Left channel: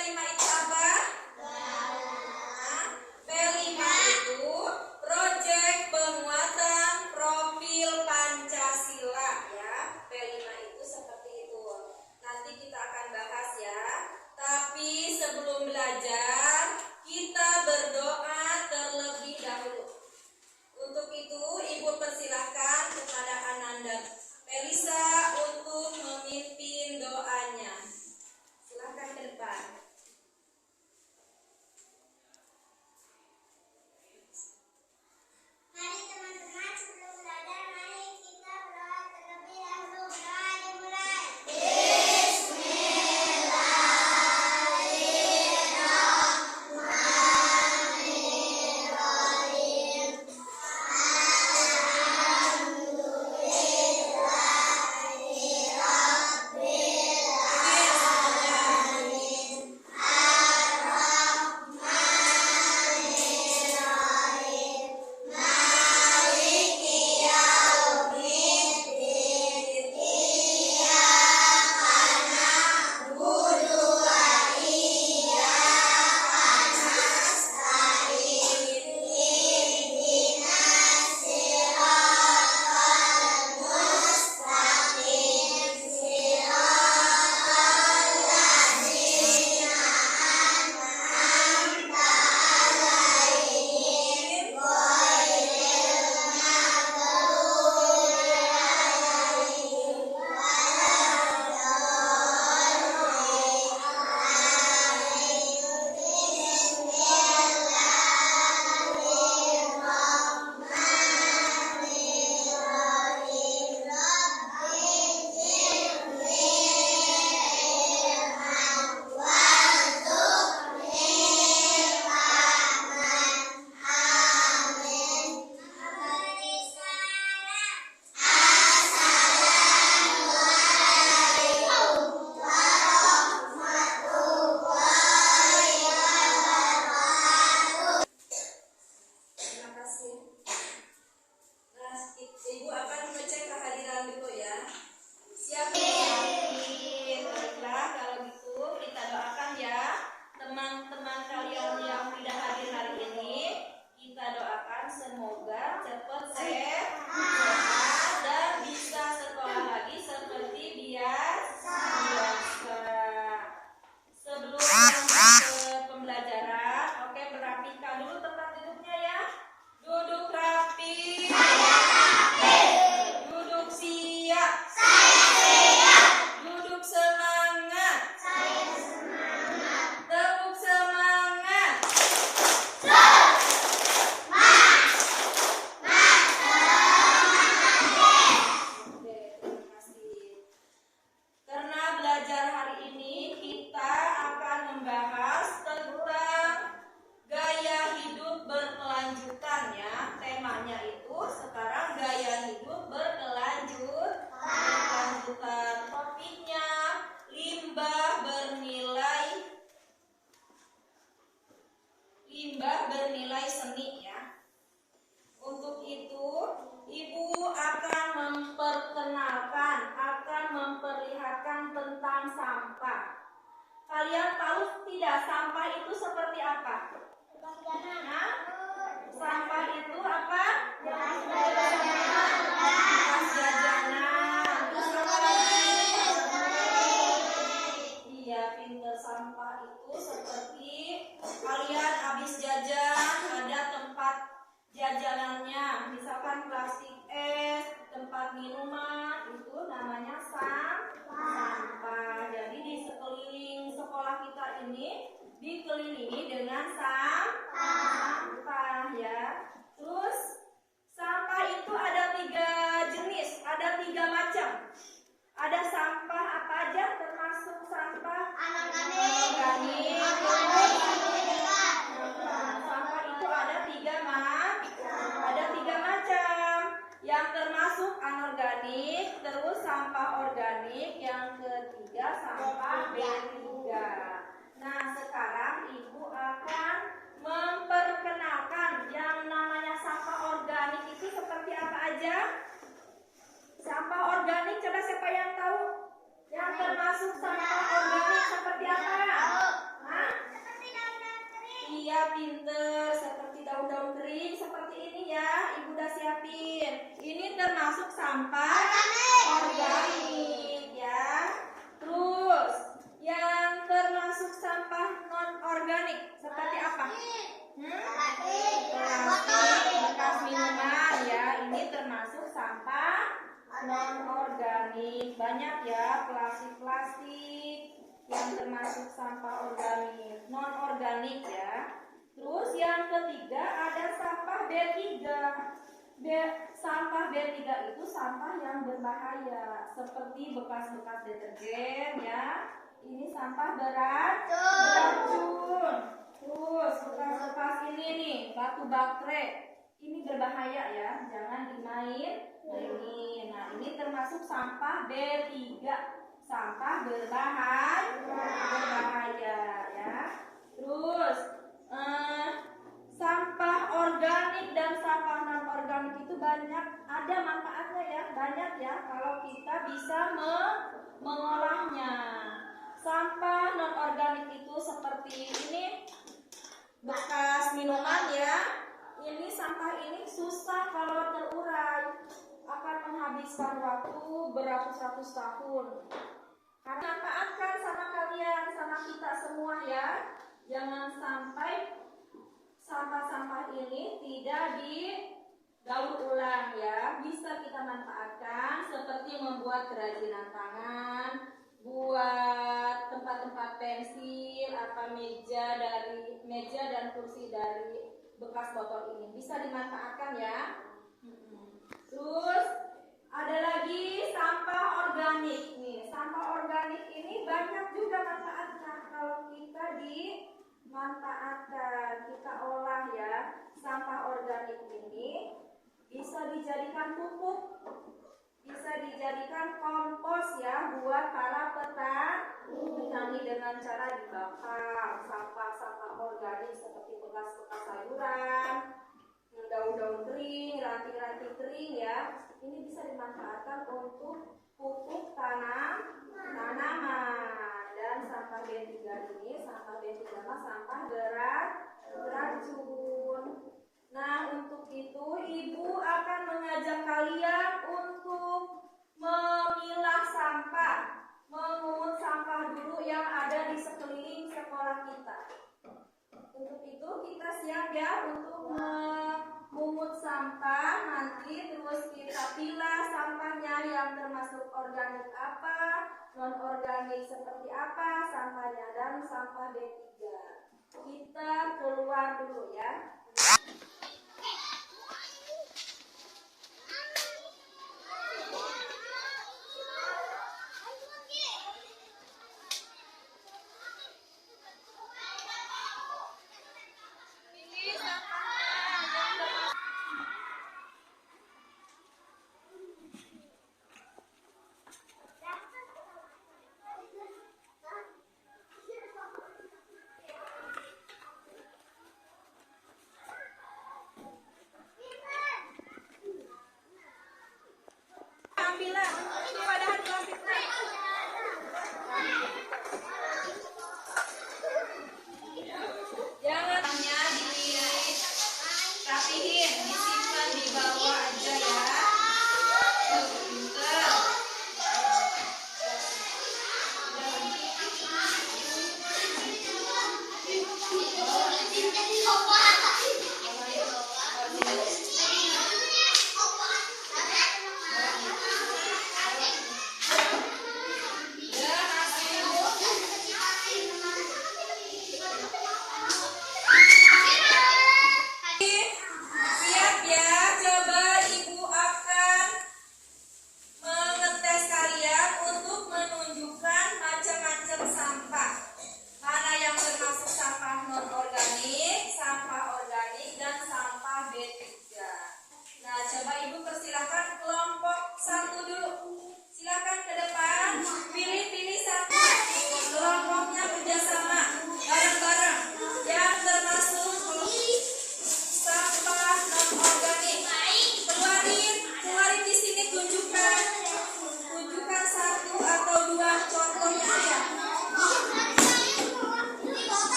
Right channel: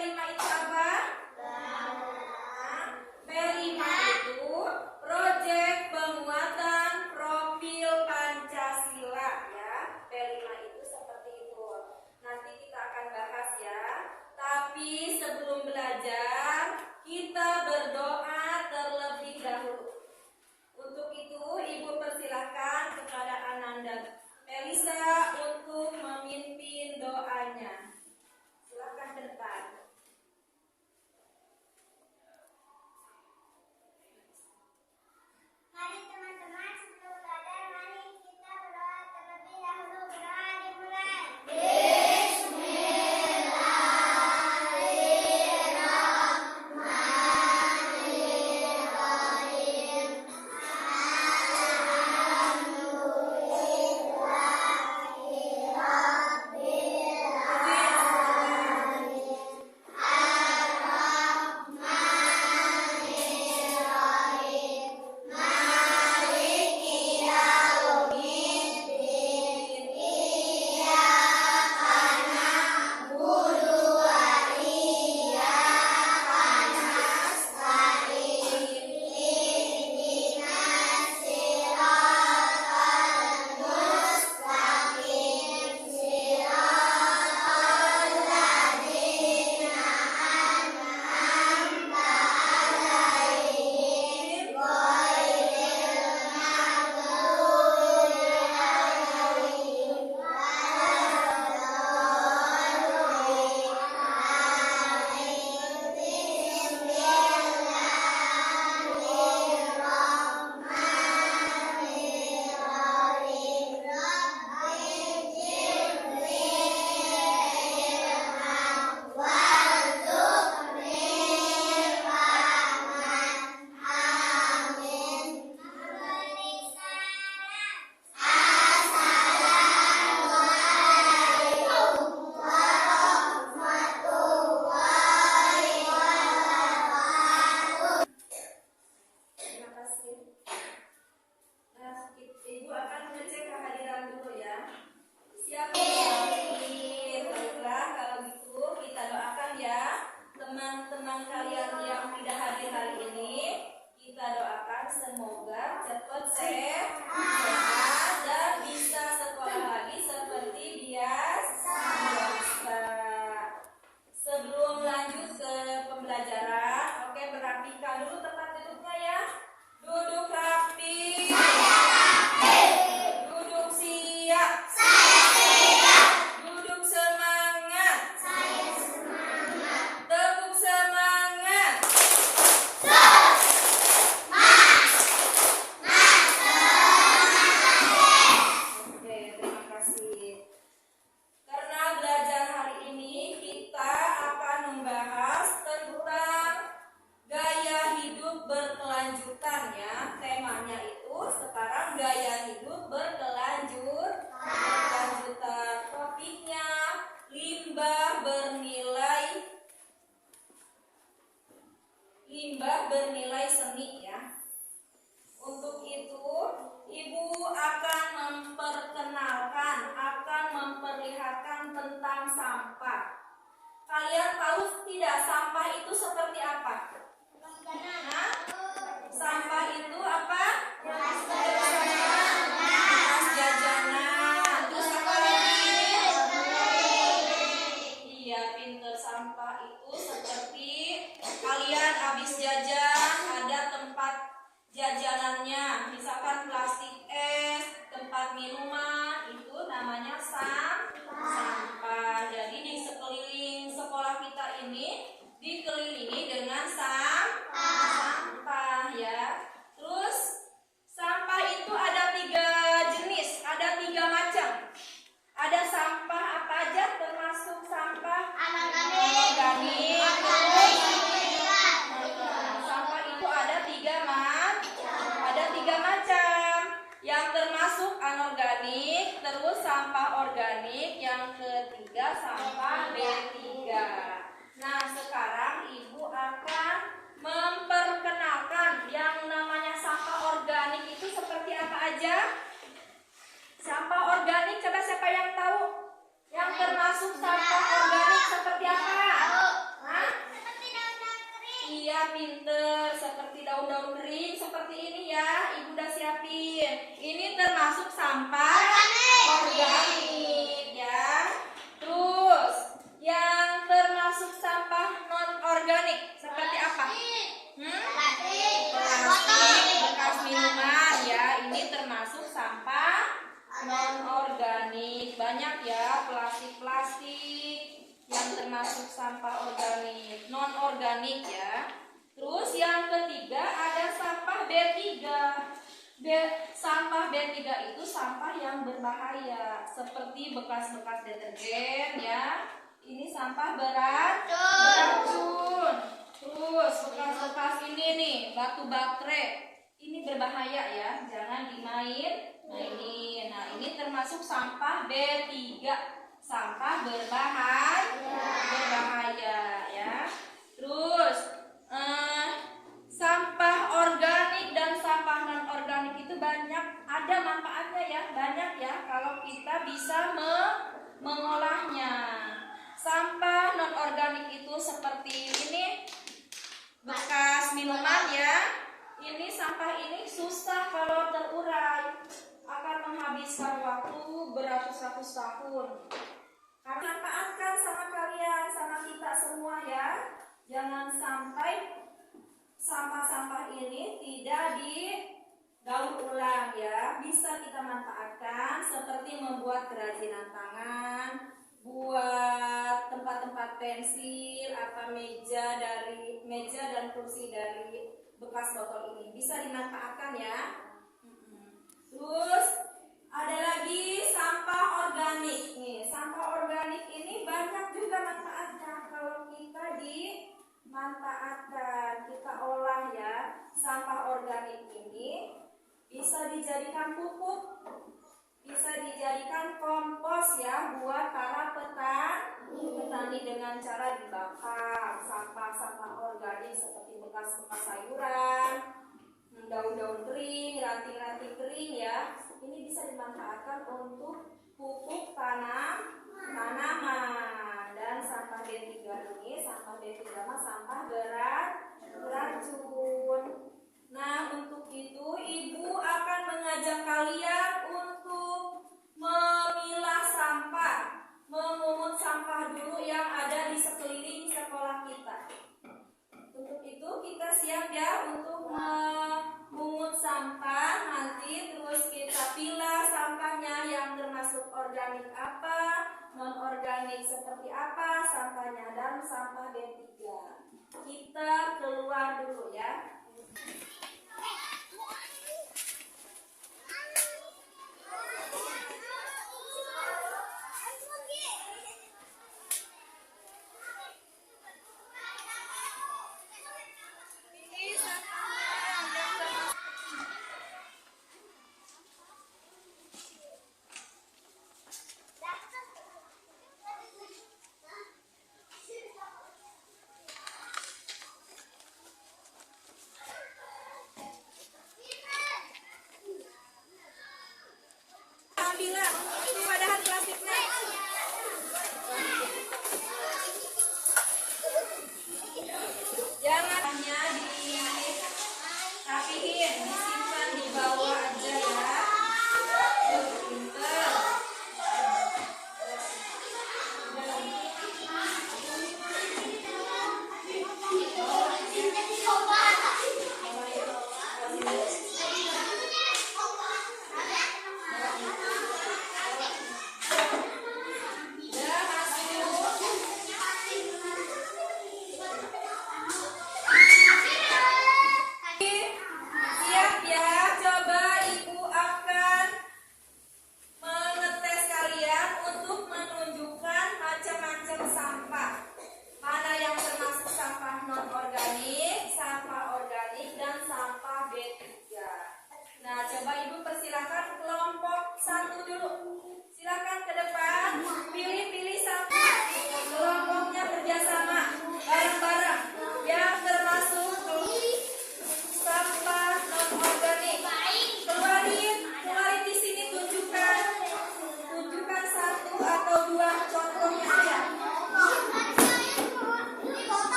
P5 itu apa? P5 itu proyek penguatan profil Pancasila ya. P5 itu seperti itu. Nanti kita akan bahas ya. Tapi sebelum belajar, kita berdoa terlebih dahulu. Untuk itu, Ibu persilahkan kepada Ananda Melisa untuk memimpin doanya. Silakan ke depan. Mari teman-teman, sebelum belajar, mari kita berdoa terlebih dahulu. Berdoa dimulai. Terima kasih. Nah, Ibu akan mengecek kehadiran dulu ya. Siap hadir. Baiklah, kalau gitu kita doakan ya teman-teman kalian yang tidak hadir hari ini. Kita doakan semoga cepat sehat dan bisa sekolah lagi seperti biasa. Sebelum lanjut ke pembelajaran, oke, merapikan dulu tempat duduknya ya. Duduk rapi. Duduk siap. Duduk semangat. Tepuk semangat. Oke, terima kasih. Karena belajar hari ini kita akan membahas tentang gaya hidup berkelanjutan ya. Temanya itu sekarang gaya hidup berkelanjutan. Topiknya limbah bernilai seni ya. Untuk itu, Ibu akan memperlihatkan tentang sampah. Kalian tahu tidak sampah itu seperti apa? Nah, sampah itu apa? Bekas jajanan. Terus apa lagi? Iya, pinter. Sampah itu seperti kalian habis jajan, ada tempat jajanannya, misalkan plastik es, tempat minuman, itu namanya sampah. Jadi di sekeliling sekolah kita ini dikelilingi dengan sampah ya. Terus sampah itu ada 3 jenis, ada 3 macam. Ada sampah apa aja termasuk sampah anorganik. Sampah itu ada 3 macam. Yang termasuk anorganik, terus sampah organik, yang ketiga sampah B3. Nah, sekarang Ibu akan pinter. Seperti daun-daun kering seperti ini ya, Ibu udah siapin. Ini termasuk sampah organik ya. Terus yang termasuk sampah non organik seperti apa? Plastik bekas minuman ya. Ini termasuk sampah non organik. Banyak ya plastik-plastik yang termasuk sampah organik, non organik ya. Terus yang ketiga ada sampah B3. Sampah B3 itu sampah yang berbahaya seperti bekas-bekas deterjen ya. Ini sampah beracun. Terus bekas-bekas ini nih, batu baterai. Ini berbahaya ya, jangan dimainin. Nah, ini termasuk sampah B3. Sampah berbahaya ya. Terus sampah organik dan sampah non organik itu banyak, ada manfaatnya ya, banyak ya kalau kita bisa mengolahnya. Sampah non organik itu seperti ini, bekas minuman ya. Ini sampah ini susah kalau terurai, akan menghabiskan waktu beratus-ratus tahun. Karena manfaatkan sama kalian, sama kita semua ya. Jangan sampai sampah-sampah ini tidak didaur ulang ya. Bisa kita manfaatkan seperti membuat kerajinan tangan, buat tempat-tempat pensil, meja dan kursi dari bekas botol ini bisa dimanfaatkan ya. Terus ada lagi sampah organik nih. Sampah organik ini banyak juga manfaatnya kalau kita dimanfaatkan, kita olah ya. Sampah organik ini bisa dijadikan pupuk, bisa dijadikan kompos ya buat para petani dengan cara dibakar. Sampah-sampah organik seperti bekas-bekas sayuran, daun-daun kering, ranting-ranting kering ya. Ini bisa dimanfaatkan untuk pupuk tanaman. Dan sampah B3 ini, sampah B3 sampah beracun. Nah, untuk itu Ibu akan mengajak kalian untuk memilah sampah, memungut sampah dulu yang ada di sekeliling sekolah kita. Untuk itu kita siap ya untuk memungut sampah nanti, terus kita pilah sampahnya yang termasuk organik apa, non organik seperti apa sampahnya, dan sampah B3. Kita keluar dulu ya.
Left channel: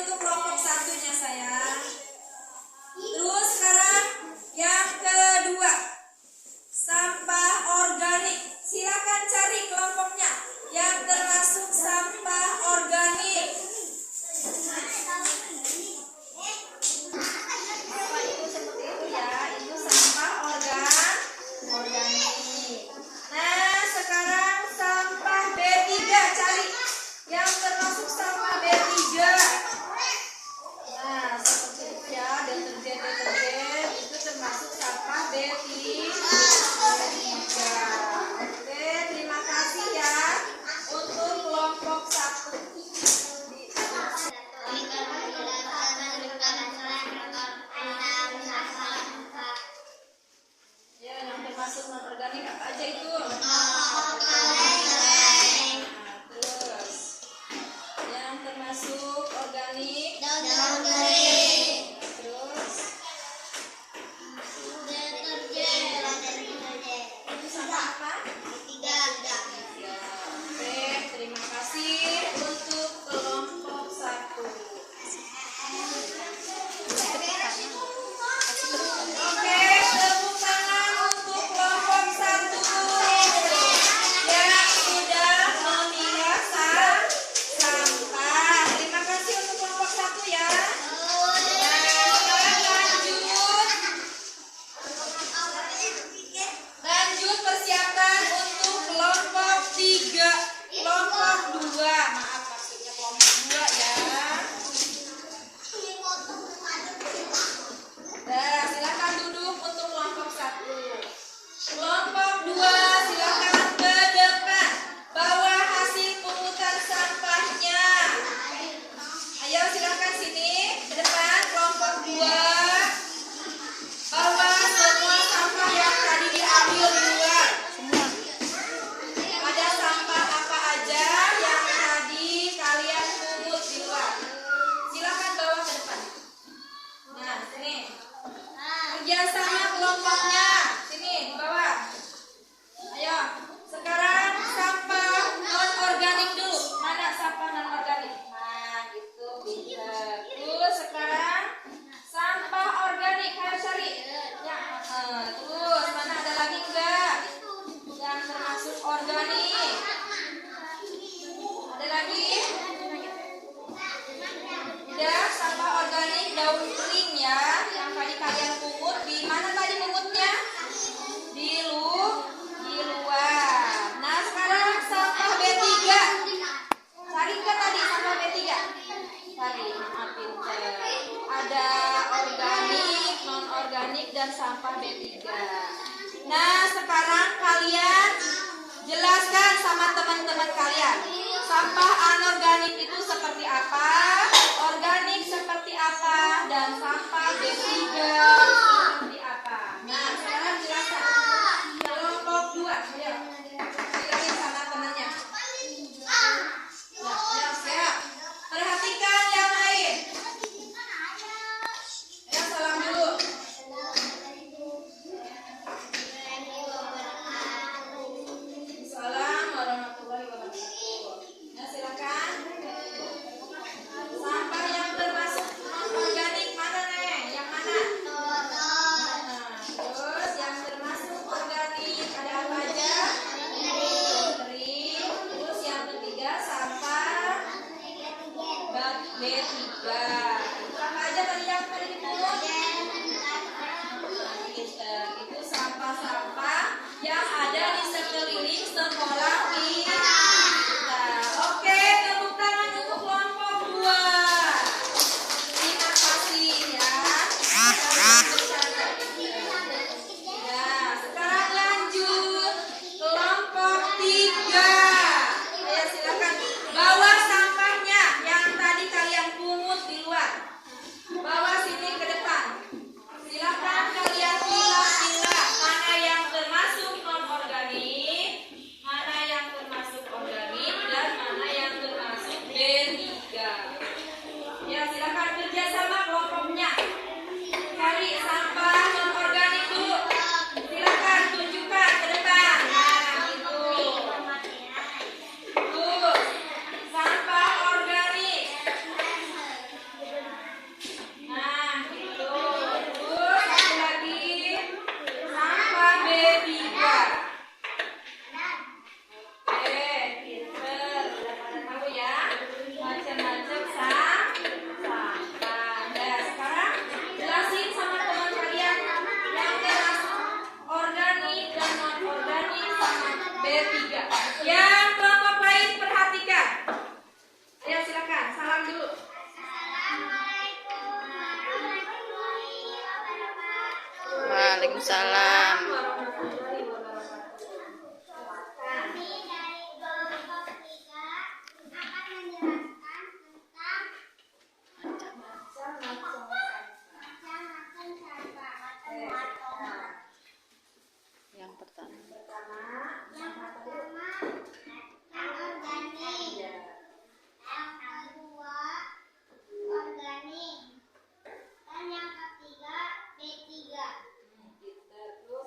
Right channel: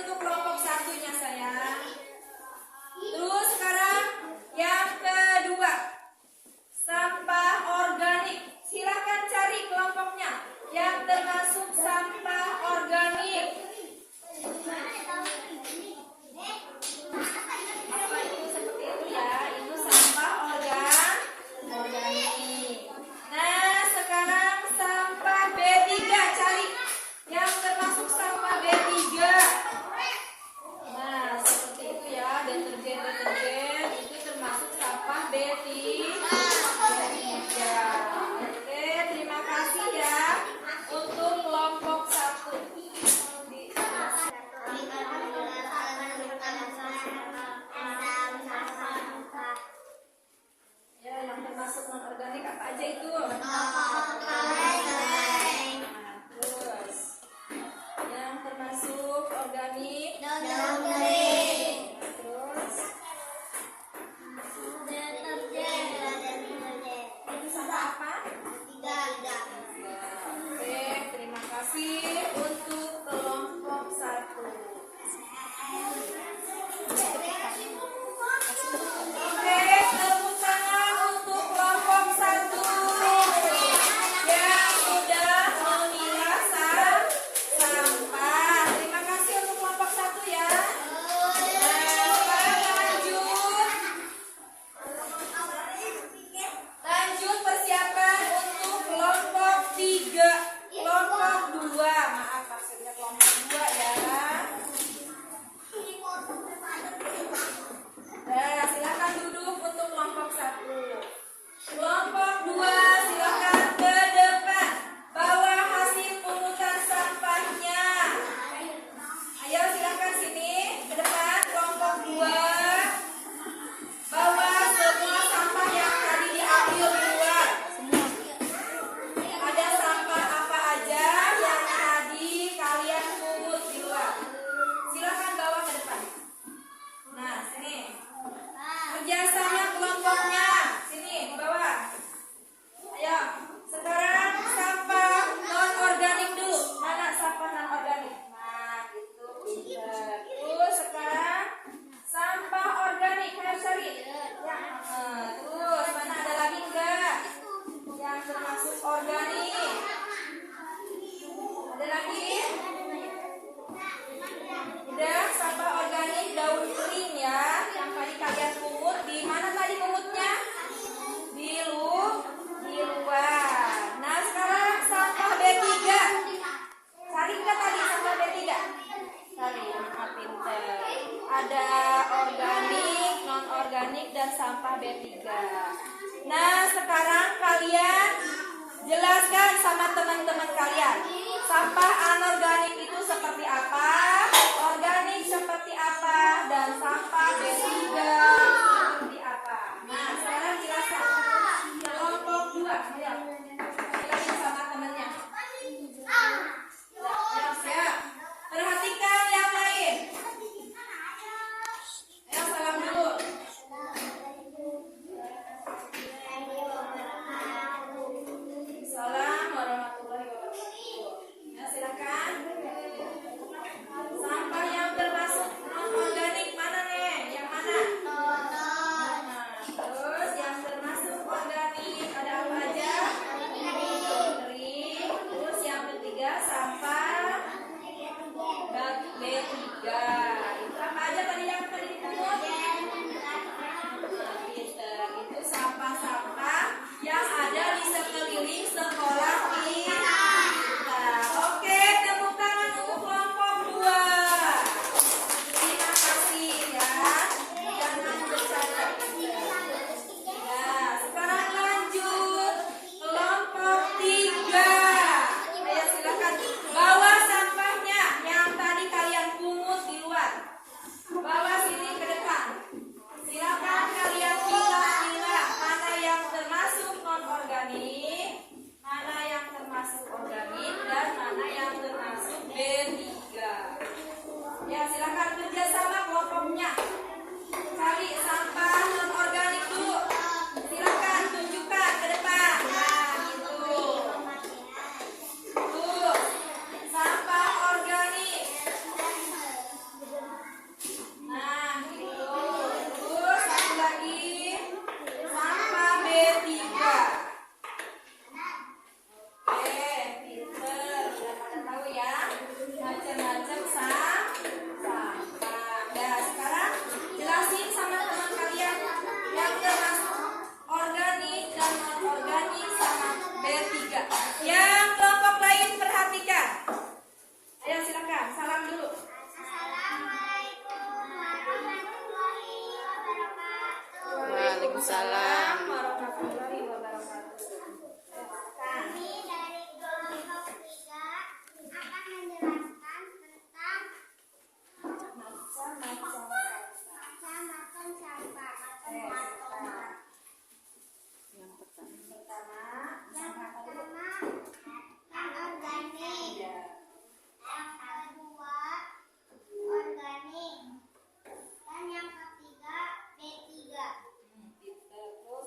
untuk kelompok satunya sayang. Terus sekarang yang kedua, sampah organik. Silakan cari kelompoknya yang termasuk sampah organik. Apa itu seperti itu ya? Itu sampah organik. Nah, sekarang sampah B3, cari yang termasuk sampah B3. Nah, seperti itu ya, deterjen itu termasuk sampah B3. Oke, terima kasih ya untuk kelompok 1. Ya, yang termasuk non organik apa aja itu? Terus yang termasuk organik, terus itu sampah apa? Oke, terima kasih untuk kelompok 1. Oke, tepuk tangan untuk kelompok 1 yang sudah memilah sampah. Terima kasih untuk kelompok 1 ya. Nah, sekarang lanjut persiapan untuk kelompok 3. Kelompok 2, maaf maksudnya kelompok 2 ya. Nah, silakan duduk untuk kelompok 1. Kelompok 2, silakan ke depan. Bawa hasil pungutan sampahnya. Ayo silakan sini ke depan kelompok 2. Bawa semua sampah yang tadi diambil di luar. Ada sampah apa aja yang tadi kalian pungut di luar? Silakan bawa ke depan. Nah, sini. Kerjasama kelompoknya. Sini, di bawah. Ayo, sekarang sampah non-organik dulu. Mana sampah non-organik? Nah, gitu. Pintar. Terus sekarang sampah organik. Ayo cari. Terus, mana ada lagi enggak? Yang termasuk organik. Ada lagi? Udah, sampah organik daun kering ya. Yang tadi kalian pungut. Di mana tadi pungutnya? Di luar. Nah, sekarang sampah B3. Cari nggak tadi sampah B3? Cari, pintar. Ada organik, non-organik, dan sampah B3. Nah, sekarang kalian jelaskan sama teman-teman kalian. Sampah anorganik itu seperti apa? Organik seperti apa? Dan sampah B3 seperti apa? Nah, sekarang jelaskan. Kelompok 2, ayo. Jelasin sama temannya. Siap. Perhatikan yang lain. Ayo salam dulu. Salam warahmatullahi wabarakatuh. Nah, silakan. Sampah yang termasuk non-organik mana nih? Yang mana? Nah, terus yang termasuk organik ada apa aja? Kering. Terus yang ketiga sampah B3. Apa aja tadi yang tadi dipungut? Itu sampah-sampah yang ada di sekeliling sekolah kita. Oke, tepuk tangan untuk kelompok 2. Terima kasih ya. Nah, sekarang lanjut kelompok 3. Ayo silakan bawa sampahnya yang tadi kalian pungut di luar. Bawa sini ke depan. Silakan kalian pilah-pilah mana yang termasuk non-organik, mana yang termasuk organik, dan mana yang termasuk B3. Ya, silakan kerjasama kelompoknya. Cari sampah non-organik dulu. Silakan tunjukkan ke depan. Nah, gitu. Terus, sampah organik. Waalaikumsalam. warahmatullahi wabarakatuh. Kami dari kelompok 3 akan menjelaskan tentang Macam-macam macam-macam sampah. Yang pertama. Yang pertama, anorganik. Yang kedua, organik. Dan yang ketiga, B3. Terus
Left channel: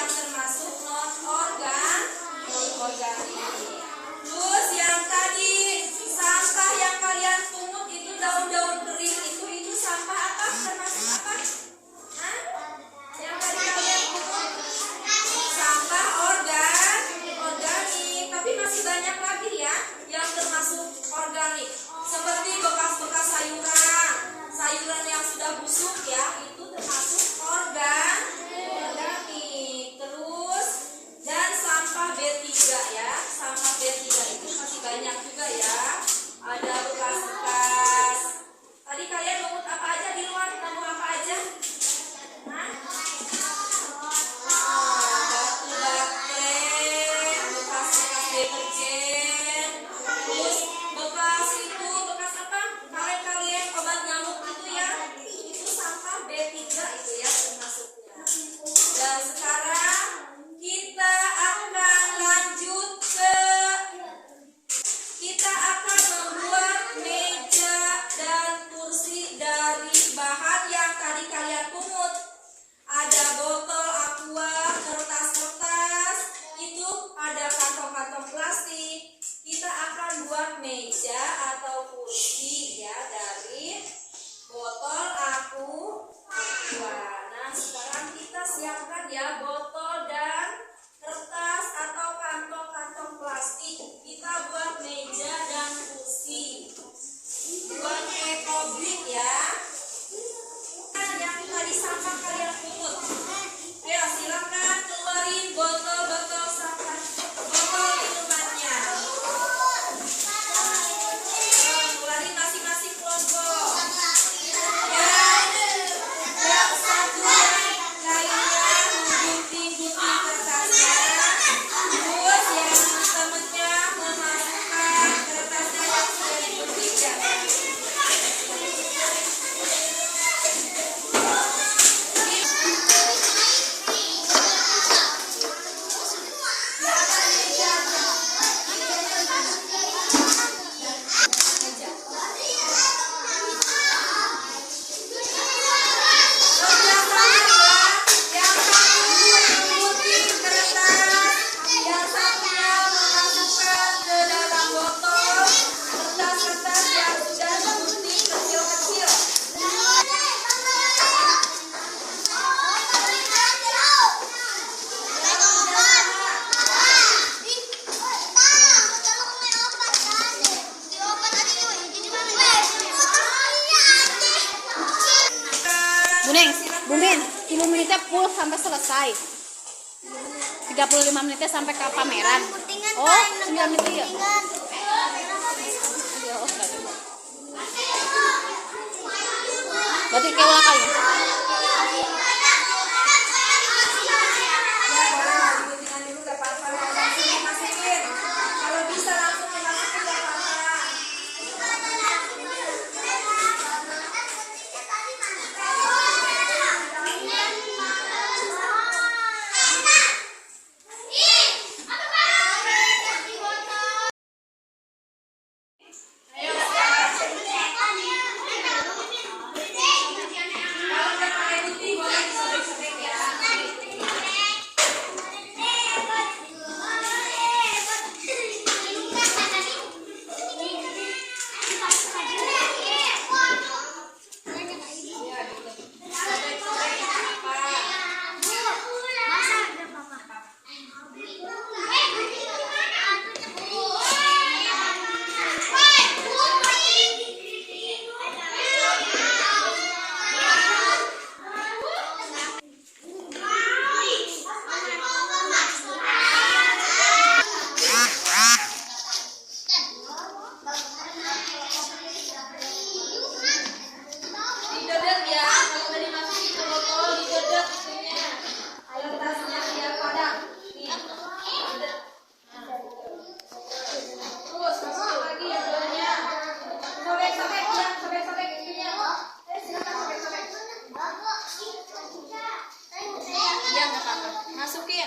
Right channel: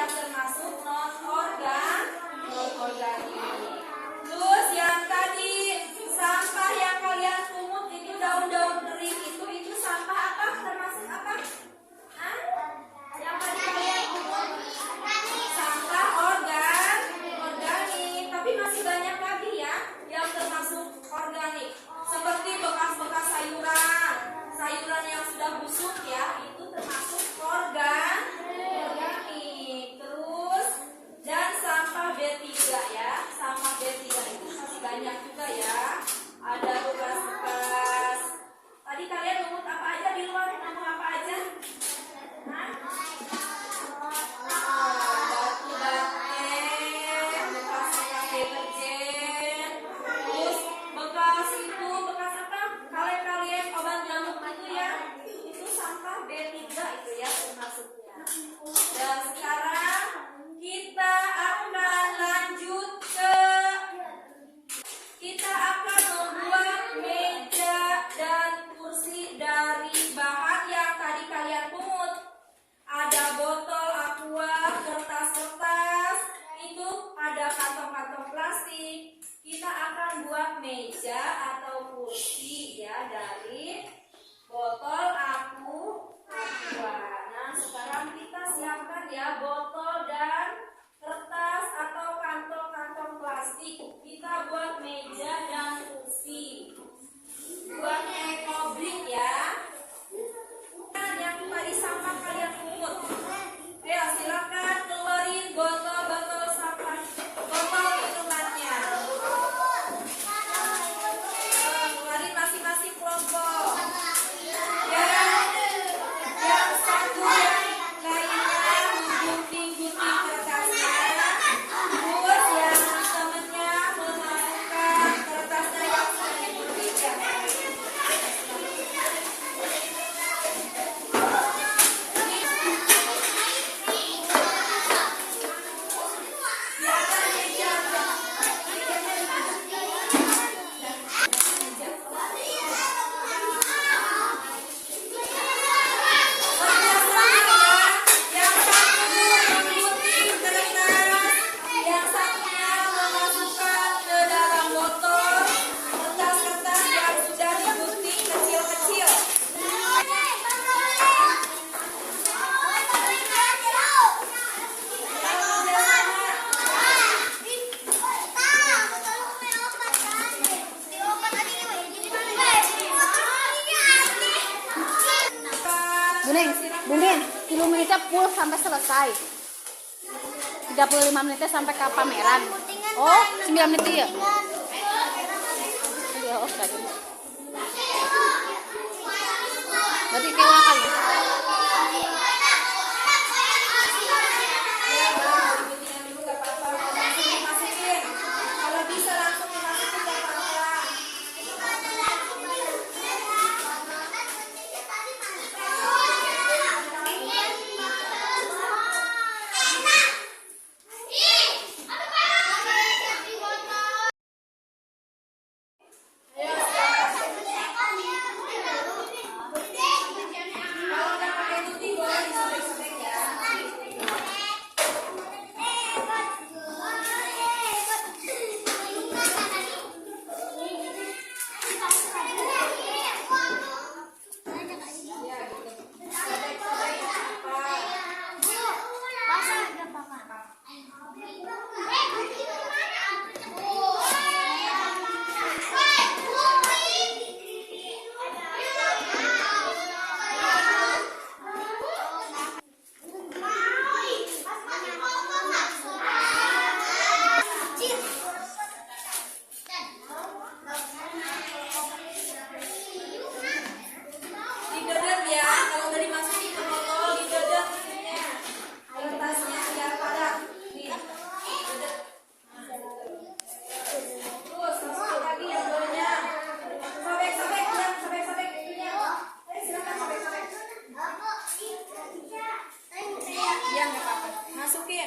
yang termasuk non organik. Terus yang tadi sampah yang kalian pungut itu daun-daun kering itu sampah apa? Termasuk apa? Hah? Yang tadi kalian pungut sampah organik, tapi masih banyak lagi ya yang termasuk organik. Seperti bekas-bekas sayuran yang sudah busuk ya, itu termasuk organik. Terus dan sampah B3 ya, sampah B3 itu masih banyak juga ya. Ada bekas-bekas. Tadi kalian mungut apa aja di luar? Ngomong apa aja? Hah? Batu bate, bekas-bekas deterjen, terus bekas apa? Kaleng-kaleng obat nyamuk itu ya, itu sampah B3 itu ya termasuknya. Dan sekarang kita akan lanjut kita akan membuat meja dan kursi dari bahan yang tadi kalian pungut. Ada botol aqua, kertas-kertas, itu ada kantong-kantong plastik. Kita akan buat meja atau kursi ya dari botol aqua. Nah, sekarang kita siapkan ya botol dan kertas atau kantong-kantong plastik. Kita buat meja dan kursi. Buat ekobrik ya. Yang tadi sampah kalian pungut. Ayo silakan keluarin botol-botol sampah, botol minumannya. Keluarin masing-masing kelompok. Yang satu yang lainnya menggunting-gunting kertasnya. Terus yang temennya memasukkan kertasnya yang sudah digunting ya. Bumin, 10 menitnya full sampai selesai. 35 menitnya sampai ke pameran. Oh, 9 menit ya. Berarti kayak ulang kali. Kalau bisa langsung dimasukin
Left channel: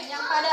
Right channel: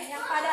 ke apa-apa.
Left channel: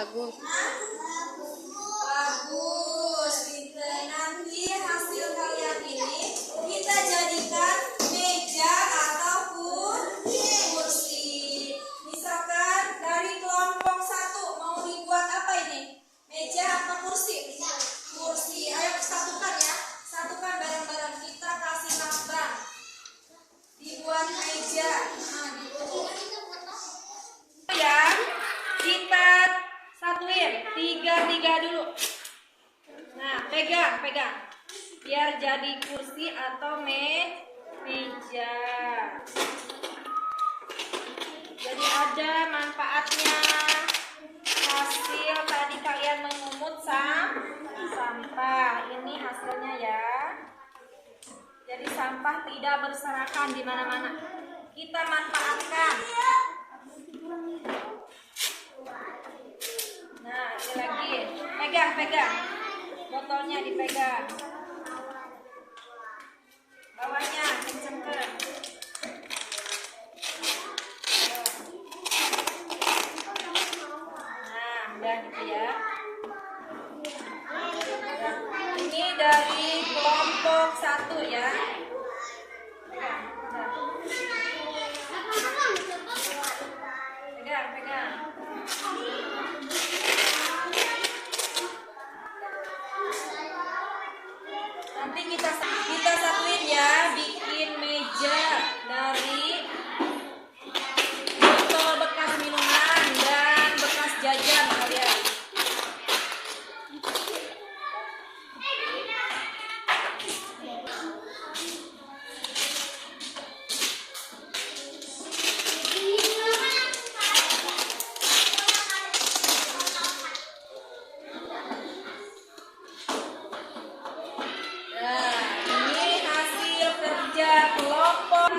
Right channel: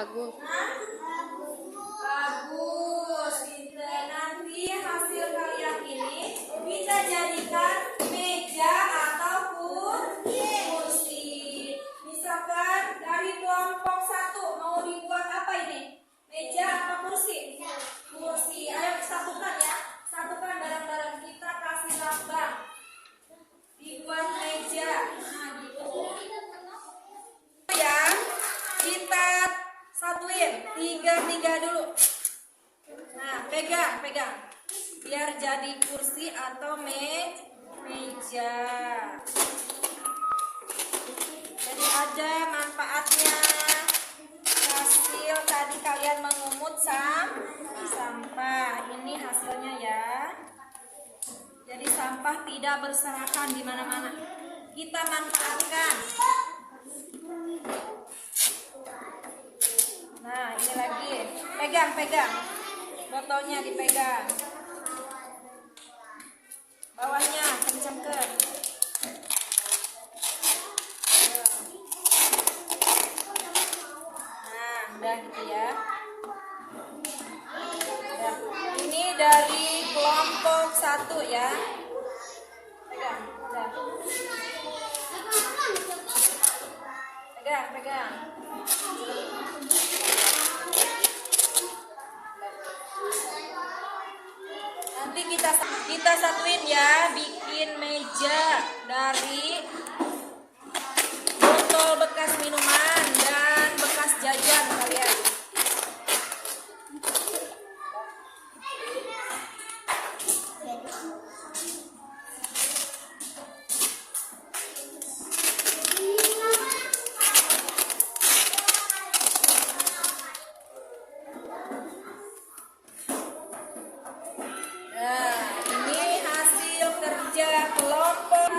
Bagus. Bagus. Nanti hasil kalian ini kita jadikan meja ataupun kursi. Misalkan dari kelompok 1 mau dibuat apa ini? Meja atau kursi? Kursi. Ayo satukan ya. Satukan barang-barang kita kasih gambar. Dibuat meja. Nah, gitu. Yang kita satuin 3 dulu. Nah, pegang biar jadi kursi atau meja. Jadi ada manfaatnya. Hasil tadi kalian mengumun sampah. Ini hasilnya ya. Jadi sampah tidak berserakan di mana-mana. Kita manfaatkan. Nah, ini lagi. Pegang. Botolnya dipegang. Bawahnya kencengkan. Nah, udah gitu ya. Udah. Ini dari kelompok 1 ya. Pegang. Udah. Pegang. Nanti kita satuin ya, bikin meja dari botol bekas minuman dan bekas jajan kalian. Nah, ini hasil kerja kelompok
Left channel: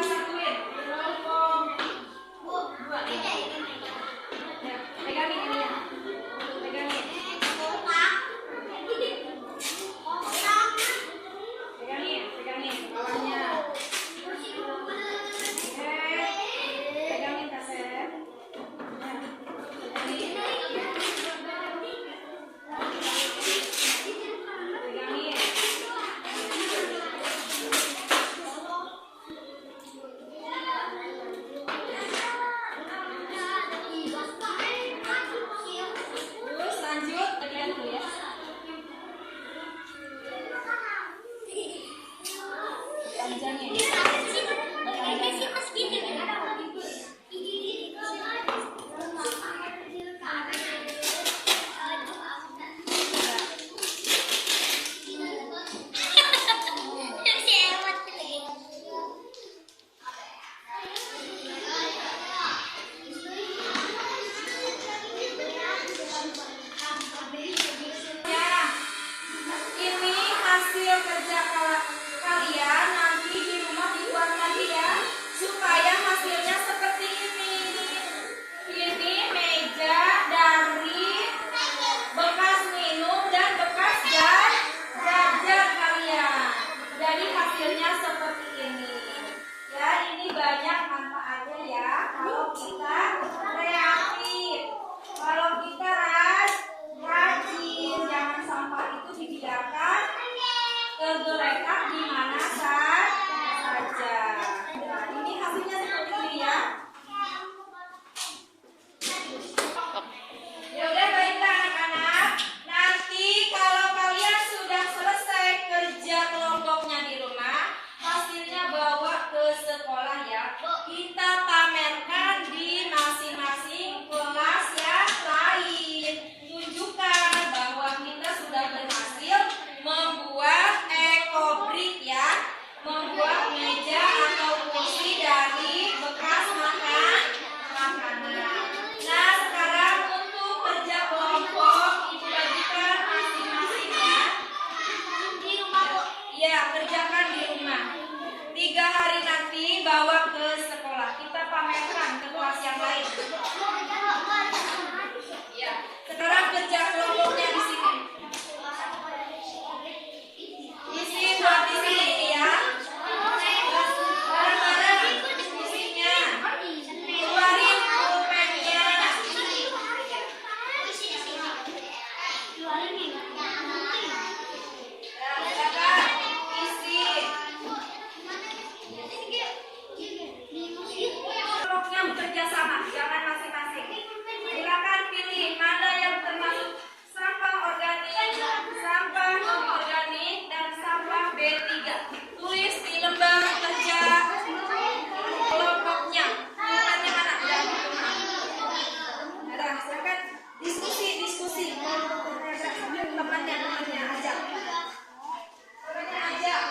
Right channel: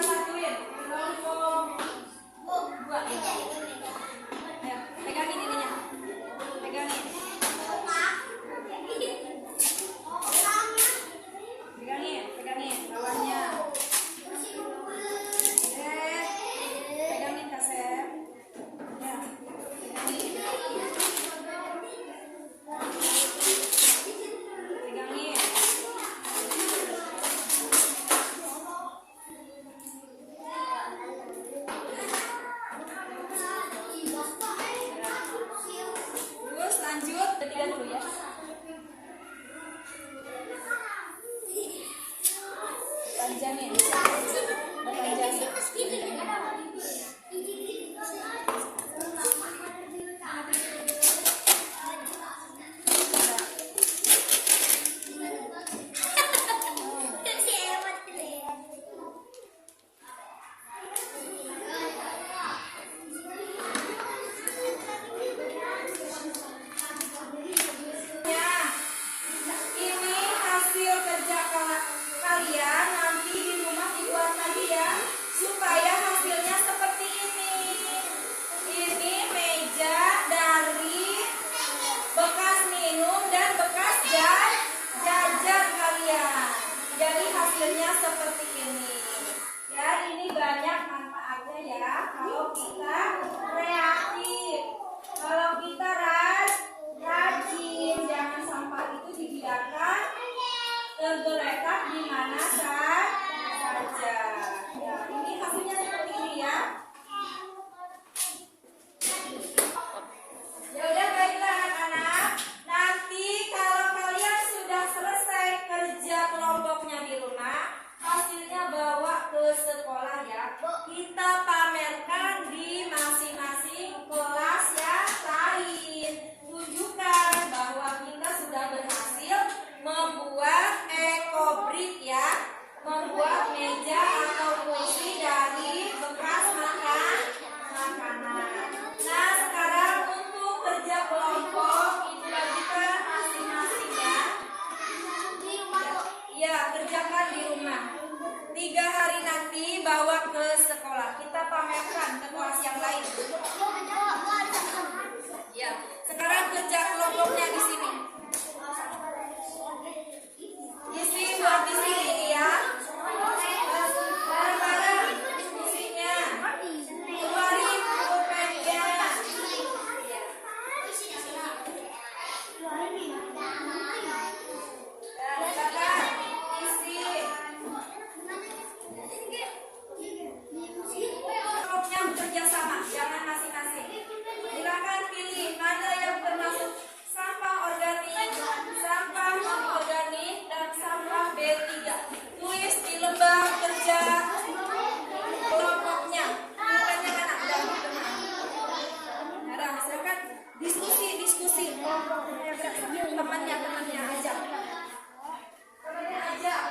kerja sama, jangan masing-masing. Silakan pilih mana yang termasuk sampah organik, sampah non-organik, dan sampah B3. Tulis di lembar kerja kelompoknya. Bukannya mana? Udah, silakan diskusi. Temannya ajak. Temannya ajak.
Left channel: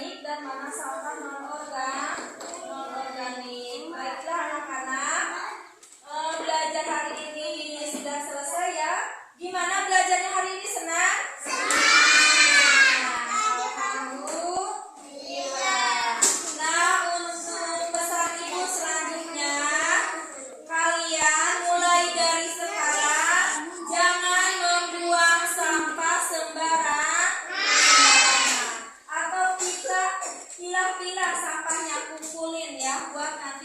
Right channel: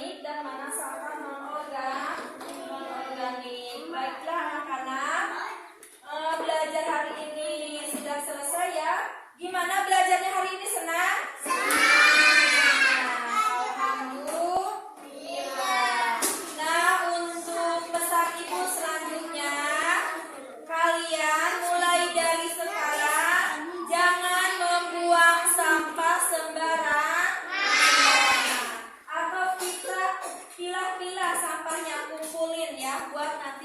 dan mana sampah non-organik. Baiklah anak-anak, belajar hari ini sudah selesai ya. Gimana belajarnya hari ini, senang? Alhamdulillah. Nah, untuk pesan ibu selanjutnya, kalian mulai dari sekarang jangan membuang sampah sembarangan. Atau pilah-pilah sampahnya, kumpulin ya buat nanti